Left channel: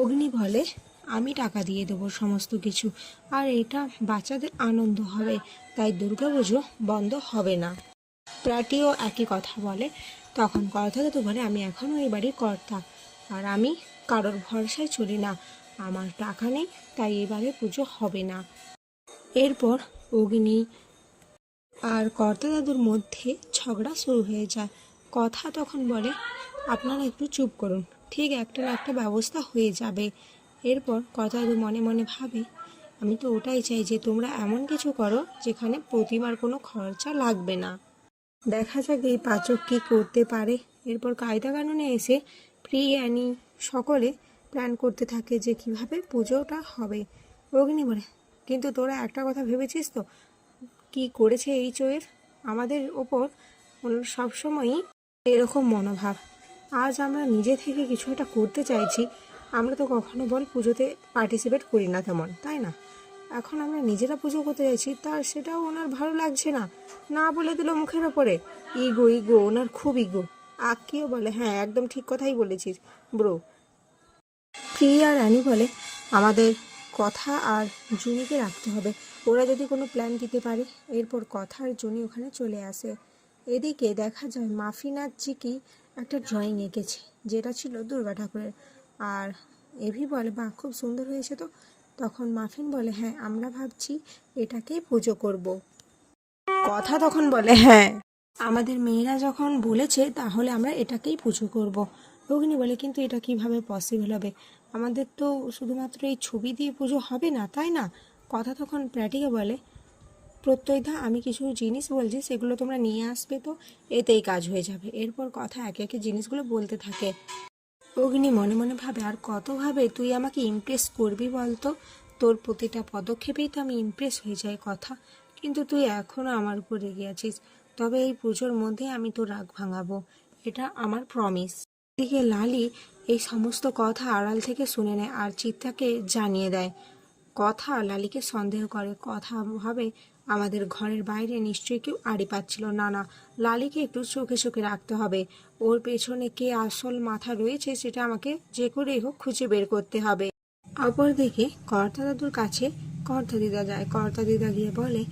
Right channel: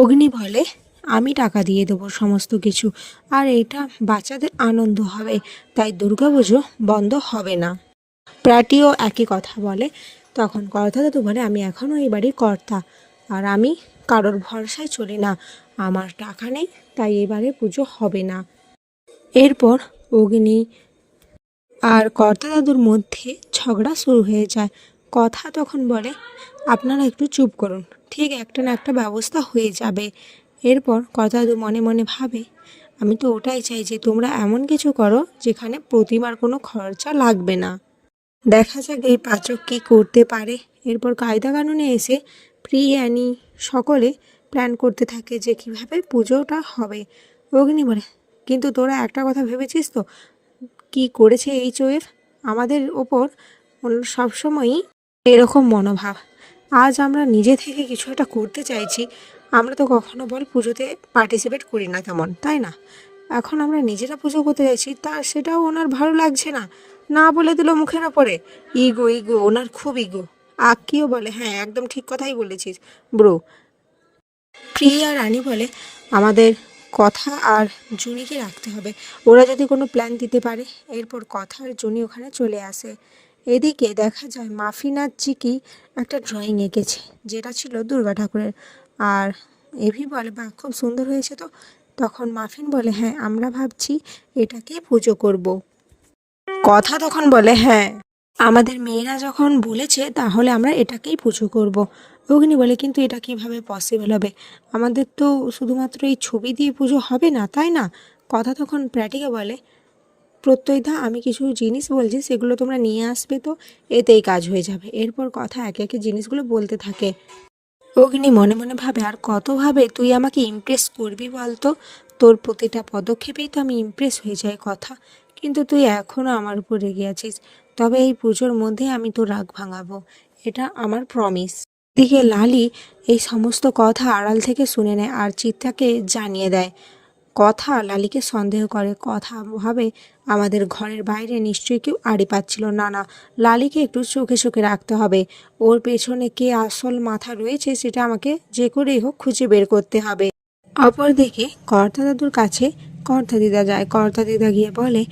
অগ্নি বলে, আমি টাকা দিয়ে দেবো সমস্ত কিছু, আর এটা বাচ্চাদের আনন্দ হবে, তাই দুর্গাপুজো বন্ধ হবে না। প্রাটিও একই কথা বলে, তখন কর্তা দাদু বলে, আমি এখনও এই বাড়ির কর্তা, আর আমি কারোর ভরসায় চলি না, আমার টাকা নেই, তাই এবারে পুজো হবে না। এরপর অগ্নি আর কর্তা দাদুর মধ্যে ঝগড়া শুরু হয়ে যায়। কথা তখন বলে, আপনারা একটু চুপ করুন ঠিক একটা না একটা ব্যবস্থা হয়ে যাবে। এরপর কর্তা দাদু মনে মনে ভাবে, আমি তো ওটাই চাই যে তোমরা এমন কিছু করো যেখানে প্রতিমার কোনো খরচা লাগবে না। দেখা যাক এই পাচক কী করতে পারে। এরপর কায়দা কানুনে এসে প্রি অ্যানি সকলে প্ল্যান করতে থাকে যে কীভাবে পুজোটা হবে। অগ্নি বলে, কিন্তু তোরা একটা কথা ভেবেছিস তো? কি করেছে এইচ ওয়েভ আমাদের ওপর সবসময়ই এরকম মনোভাব। আজ আমরা নিজে থেকে কিছু একটা করতে চাইছি। আমরা তো কখনো বল পুজোতে পার্টিসিপেট করি না তেমন, তাই না? এখন আমরা নিজেরা পুজো করতে চাইছি, তা সেটাও ওনার ভালো লাগছে না। না বলে দিল মুখে না পড়ে। ইগো ইগো ওনার খুব ইগো আক্কিও বলে হ্যাঁ একদম ঠিক কথাই বলেছিস। ব্রো প্রিয়া রানী বলে, আমাদের কথা আর জুনিকে রাখতে হবে। ওরা যদি কোনো প্ল্যান দিতে পারে, এরপর কথা আর জুনি ওখানে চলে আসে। এদিকে দেখা যায় মাফিনার চিকি একটা ড্রয়িং এঁকেছে, যেটা ছিল দুর্গা ঠাকুরের আর এভি বলে বা খুব সুন্দর হয়েছে তো তখন মাফিন বলে হ্যাঁ আমরা ভাবছি এটাকেই পুজো করব। কথা তখন বলে হ্যাঁ আমাদের মেয়েরা যখন বলেছে তাহলে আমরা এটাকেই পুজো করব। অগ্নি বলে, কিন্তু এটা কীভাবে পসিবল হবে আমাদের তো শুধুমাত্র এই ছবি দিয়ে পুজো হবে না, তাই না কথা তখন প্র্যাটিকে বলে প্রত্যয়দা, আমি কিছু জিনিস বলছি, সেগুলো তোমরা নিয়ে আসবে তো, এতেই কাজ হয়ে যাবে। এরপর কথা একে একে জিনিসগুলো বলতে থাকে। অগ্নি মনে মনে ভাবে, আর কতভাবে তুই আমাকে ইমপ্রেস করবি বলতো? তোর প্রতিটা পদক্ষেপেই তো আমি ইমপ্রেস হয়ে যাই কথা। কিন্তু তুই এখনও আমার উপর রেগে আছিস। তবে এই পুজোর মধ্যে আমি তোর রাগ ভাঙাবো। এটা আমার প্রমিস দিকে লালি এই সমস্ত কথা আড়াল থেকে শুনে নেয় আর চিত্তাকে জানিয়ে দেয়। কথা লালিকে সন্দেহ করে, কথা ভাবে আমাদের ঘরের বাইরে, নিশ্চয়ই কেউ আড়ি পাচ্ছিল। না না, লালিকে একটু চোখে চোখে রাখতে হবে। ওর পেছনে কে আসল মাথা রয়েছে সেটা আমাকে যে করেই হোক খুঁজে বের করতে হবে। অপরদিকে কর্তা দাদুর কাছে কর্তা দিদা যায়। কর্তা দিদা গিয়ে বলে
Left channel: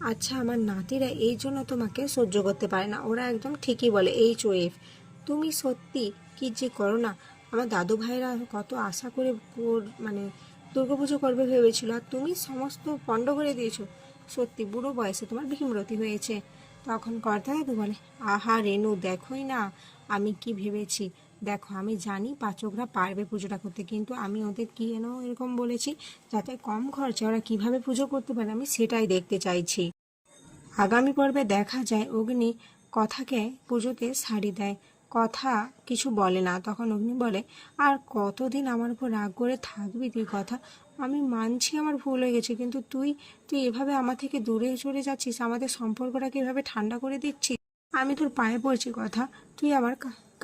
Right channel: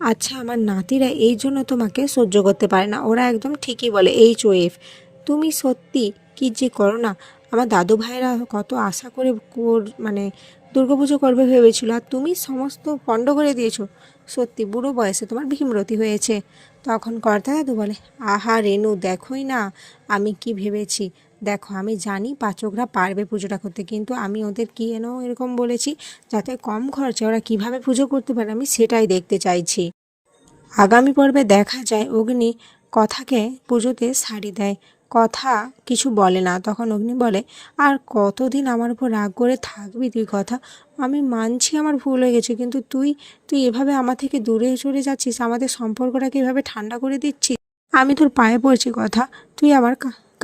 আচ্ছা আমার নাতিরা এই জন্য তোমাকে সহ্য করতে পারে না। ওরা একদম ঠিকই বলে এইচ ওয়েফ তুমি সত্যি কি যে করো না? আমার দাদু ভাইরা কত আশা কর- মানে দুর্গাপুজো করবে ভেবেছিল আর তুমি সমস্ত পণ্ড করে দিয়েছ। সত্যি বুড়ো বয়সে তোমার ভীমরতি হয়েছে। তখন কর্তা দাদু বলে, আহা রেনু, দেখোই না, আমি কি ভেবেছি। দেখো, আমি জানি পাচকরা পারবে পুজোটা করতে, কিন্তু আমি ওদের কি এনো এরকম বলেছি, যাতে কম খরচে ওরা কীভাবে পুজো করতে পারে, আমি সেটাই দেখতে চাইছি। আগামী পর্বে দেখা যায়, অগ্নি কথাকে পুজোতে শাড়ি দেয়। কথা কিছু বলে না। তখন অগ্নি বলে, আর কতদিন আমার উপর রাগ করে থাকবি তুই কথা? আমি মানছি আমার ভুল হয়ে গেছে, কিন্তু তুই তুই এভাবে আমার থেকে দূরে সরে যাচ্ছিস, আমাদের সম্পর্কটাকে এভাবে ঠান্ডা করে দিচ্ছিস? আমি তোর পায়ে পড়ছি কথা, তুই আমার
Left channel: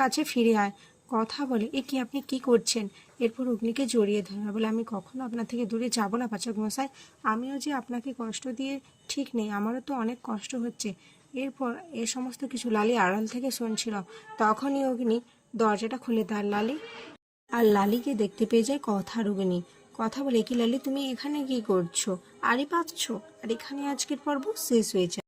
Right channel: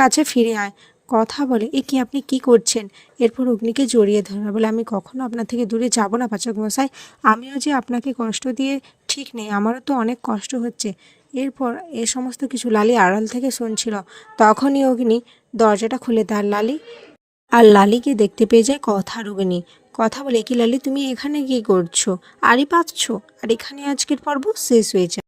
কাছে ফিরে আয়। কথা বলে, এ কি আপনি কি করছেন? এরপর অগ্নিকে জড়িয়ে ধরে বলে, আমি কখনো আপনার থেকে দূরে যাব না পাচক মশাই। আমিও যে আপনাকে কষ্ট দিয়ে ঠিক নেই, আমারও তো অনেক কষ্ট হচ্ছে। এরপর এ সমস্ত কিছু লালি আড়াল থেকে শুনছিল। তখনই অগ্নি দরজাটা খুলে দেয় লালি আর লালিকে দেখতে পেয়ে যায় কথা রুগ্নি কথা বলে, কি লালি, তুমি এখানে কি করছ? আরই পাচ্ছ? আর এখানে আজকের পর্ব শেষ হয়ে যায়।